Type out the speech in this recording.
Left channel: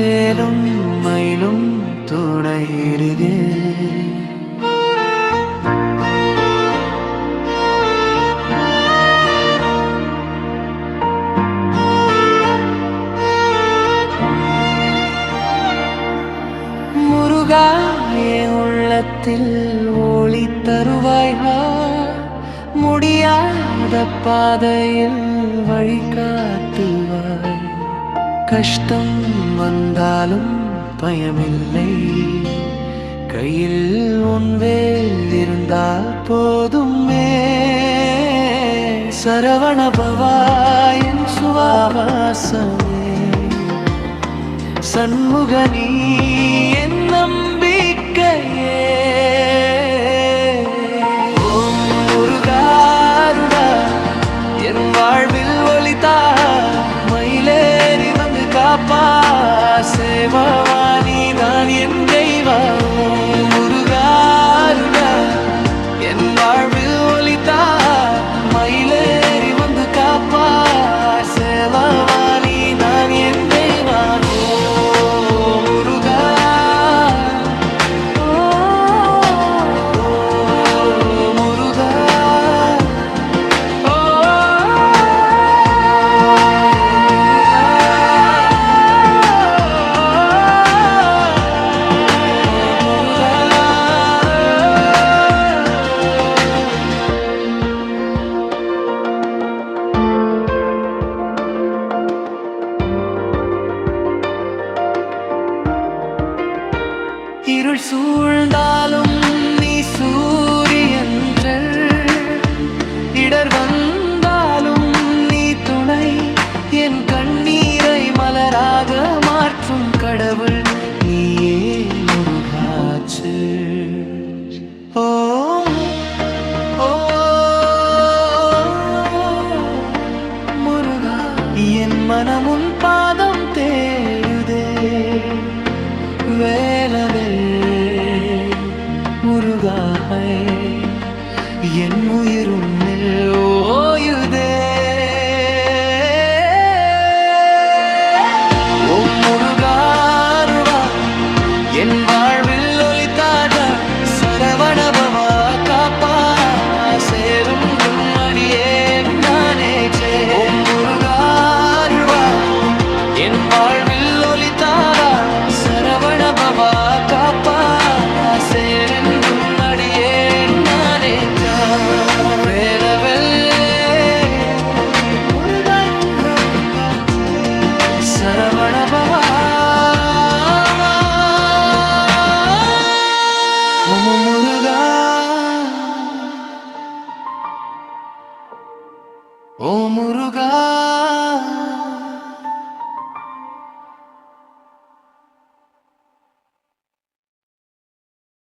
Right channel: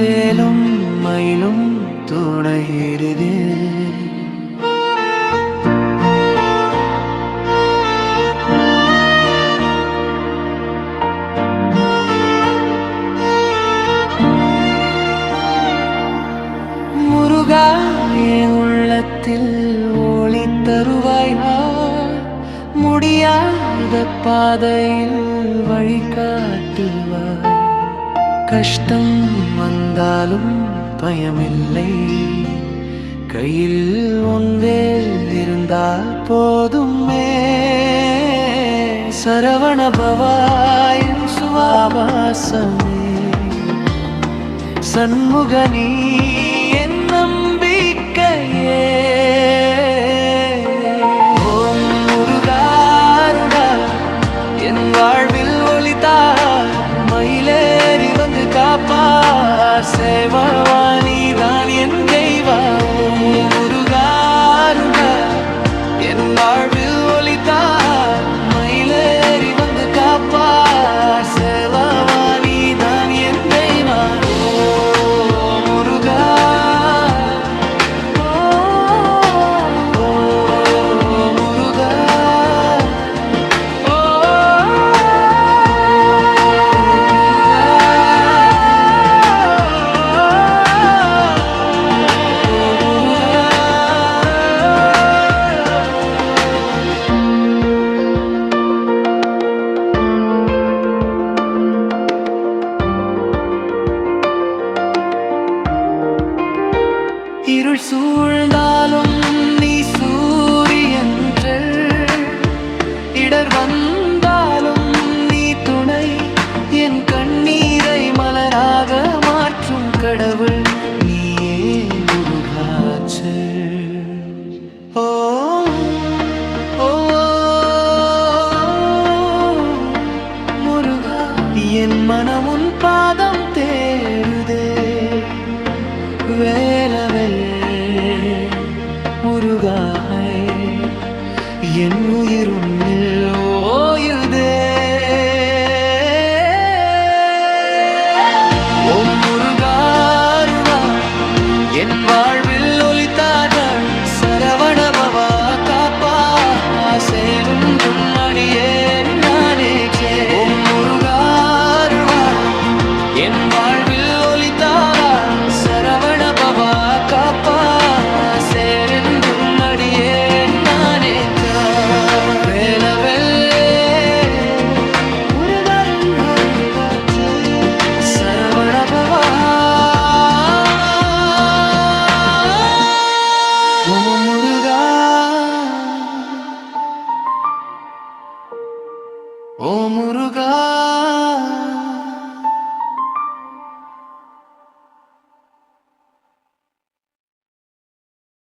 வேலும் மயிலும் துணையிடுதே. முருகா என் உள்ளத்தில் ஒளி தருவாய்ஹா, முடியாத பாதையில் வழிகாட்டுவாய். கஷ்டம் வந்தாலும் பயமில்லை, கையில் உன் வேல் இருந்தால் போதுமே. சரவண பவா என் சுவாவாசமே, சண்முகனீ என் நம்பிக்கையே. ஓம் முருகாருடா என் வாழ்வில் ஒளித்தா, மயிலேறி வந்து காப்பா, சேவவாணி தான் என் தெய்வா. ஓம் முருகாருடா என் வாழ்வில் ஒளித்தா, மயிலேறி வந்து காப்பா, சேவவாணி தான் என் தெய்வா. இருள் சூழ்ந்தாலும் நீ சூரியன்று, இடர் வந்தாலும் நீ துணை, என் கண்ணீரை மலராக மாற்றும் கடவுள் நீயே முருகாச்சு. ஓ ஓ முருகா என் மனமுன் பாதம் தேடுதே. வேலவெல் முருகாய் என் உயிரும் ஓயுதே. ஓம் முருகாருவாய் என் வாழ்வில் ஒளித்தார்கள், சரவணபவா காப்பா, சேரும் அடியேன் நானே. ஓம் முருகாருவாய் என் வாழ்வில் ஒளித்தாரா, சரவணபவா காப்பா, சேரும் அடியேன் நானே. வேலவெல் சரவணபவா. ஓம் முருகா ஓம் முருகா.